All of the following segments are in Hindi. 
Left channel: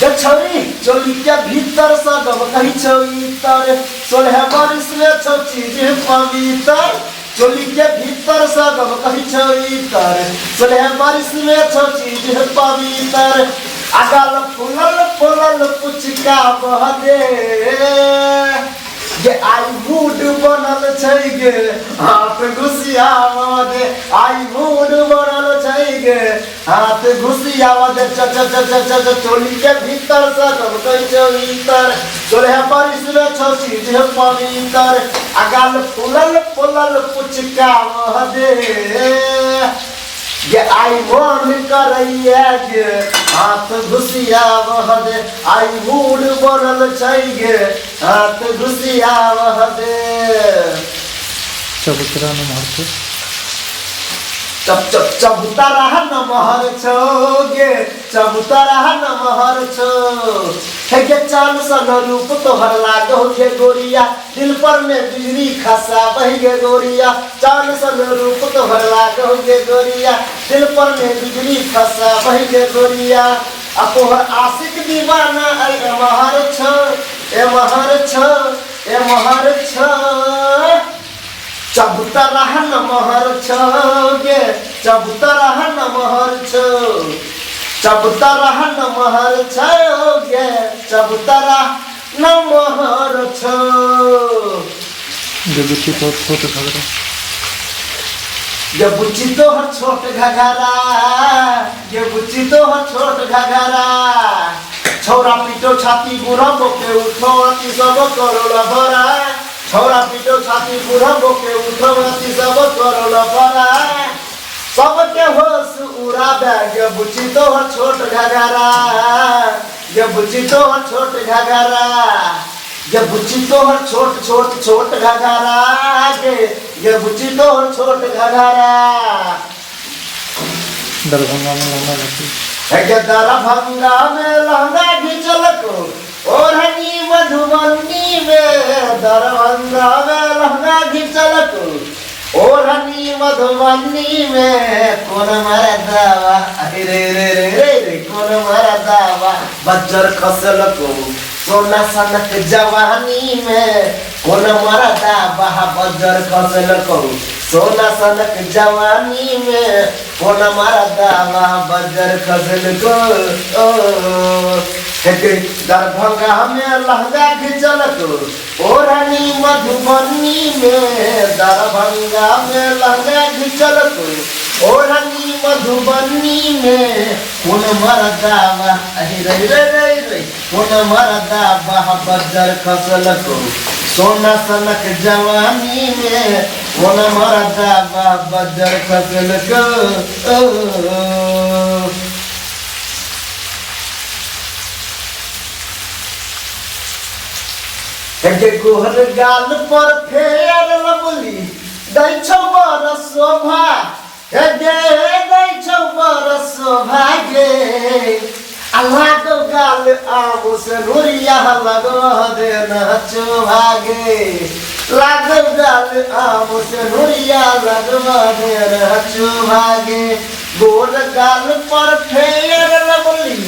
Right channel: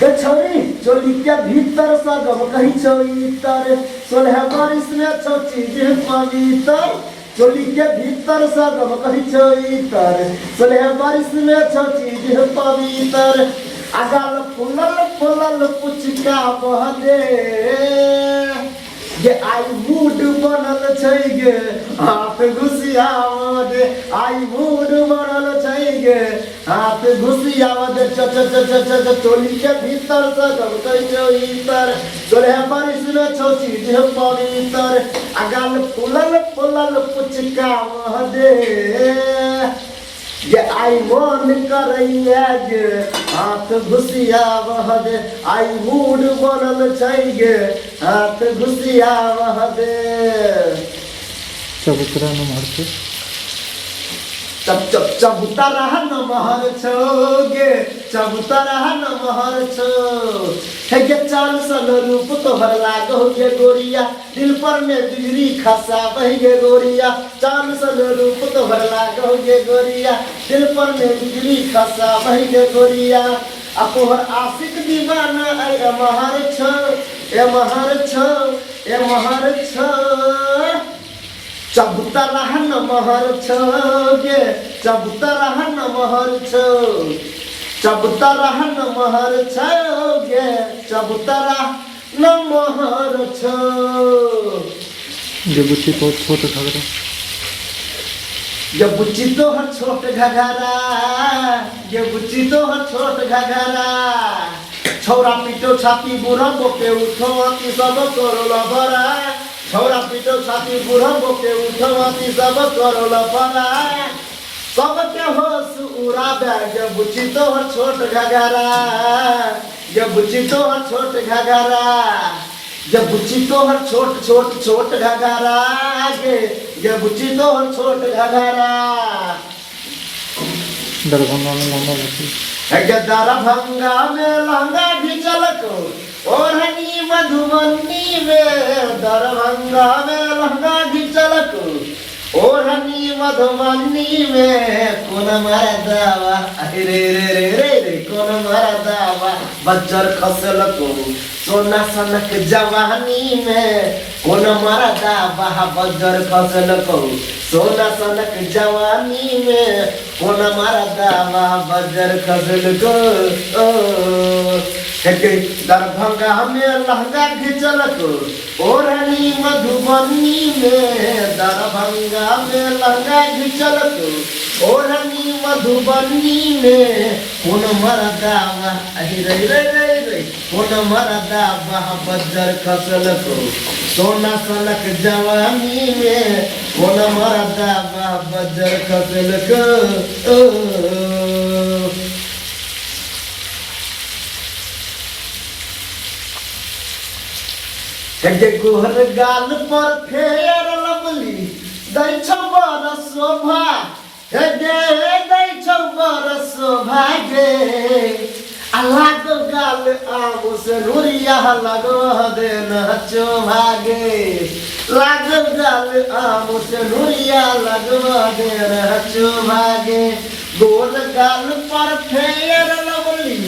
गे छौरी चोली के भीतर सगम कही छौ इतर 16 बरिस में छौ चीज पवित्र चोली के भीतर सगम कही छौ इतर 16 बरिस में छौ चीज पवित्र अगल फुलल फुलल पुचका बहदे गे आई मूड बनल छै गे हाथ घुसियावा दे आई मूड बनल छै गे हाथ घुसियावा दे च च च च च चोली के भीतर से सब कहि छौ इतर 16 बरिस में छौ चीज पवित्र अगल फुलल फुलल पुचका बहदे गे आई मन करैया गे हाथ घुसियावा दे आई मूड बनल छै गे हाथ घुसियावा दे चबूतरा न मारते चप चप चबूतरा न महर छौ गे चबूतरा न महर छौ हे गे चाल सन रूप तोहर लागो गे गोरिया दिल पर में बिजली खसा बह गे गोरिया चाल सन रूप तोहर लागो गे गोरिया दिल पर में बिजली खसा बह गे गोरिया आ तोहर आशिक दीवाना अरे महर छौ ए महर छौ ए महर छौ चबूतरा न महर छौ गे चबूतरा न महर छौ चबूतरा न महर छौ गे चबूतरा न महर छौ जो बुच्ची तो छोट घगरा ये बुच्ची तो हर छोट घगरा ये बुच्ची तो हर छोट घगरा छौरा पीटो छाती बुरा बोके उठो अति सब करो लभरा छौरा पीटो छाती बुरा बोके उठो अति सब करो लभरा सबके होश उड़ा बैग ये बुच्ची तो हर छोट घगरा ये बुच्ची तो हर छोट घगरा ये बुच्ची तो हर छोट छोट छोट घगरा के ये बुच्ची तो हर छोट घगरा दरभंगा में लहंगा लगती है दरभंगा में लहंगा घिचल को और हनी मधुबनी में दरभंगा में लहंगा घिचल को और हनी मधुबनी में कौन मारा दावा रे रे रे रे रे कौन मारा दावा बज्जर खसल को सोना सनक जवानी में कौन मारा दावा बज्जर खसल को सोना सनक जवानी में कौन मारा दावा बज्जर खसल को दरभंगा में लहंगा घिचल को और रानी मधुबनी में दरभंगा में लहंगा घिचल को और रानी मधुबनी में कौन मरदावा रे रे रे रे कौन मरदावा बज्जर खसल को सोना सनक जवानी में कौन मरदावा बज्जर खसल को के गोहर गाल पर फेर लबली दै छौ बरस शोभा हे गे दै छौ बरस शोभा गे अलग गाल आबो से नूरिया लगो दे नचो भागे लाग गाल आबो से नूरिया लगो दे नचो भागे गोर गाल पर फेर लबली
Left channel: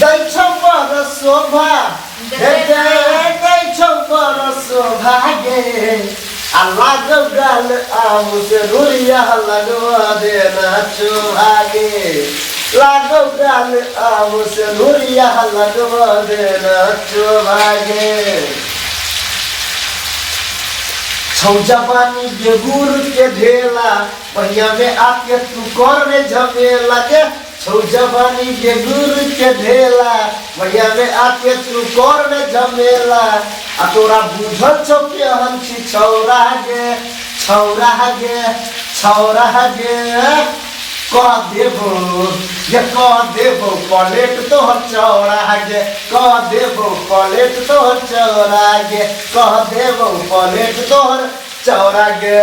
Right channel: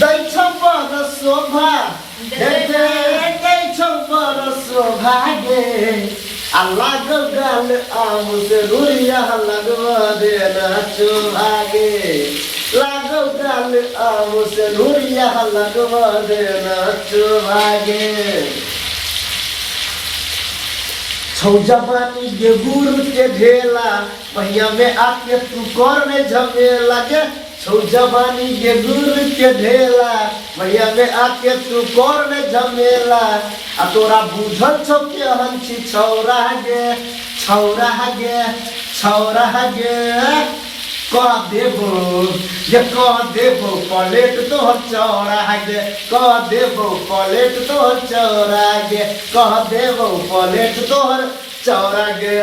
दै छौ बरस शोभा दै छौ बरस भागे अलग गाल आबो से नूरिया लगवा दे नाचो भागे लागो गाल आबो से नूरिया लगवा दे नाचो भागे छौ जवानी के गुर के ढेला पहिया में आके तू कर में झमेला के छौ जवानी के गुर के ढेला भैया में आके तू कर में झमेला आ तोरा बुझल छौ के हम छी छौरा गे छौरा गे छौरा गे कह देबो ये कह देबो प्लेट तोहर चौड़ा गे कह देबो प्लेट तोहर चौड़ा गे कह देबो प्लेट तोहर चौड़ा गे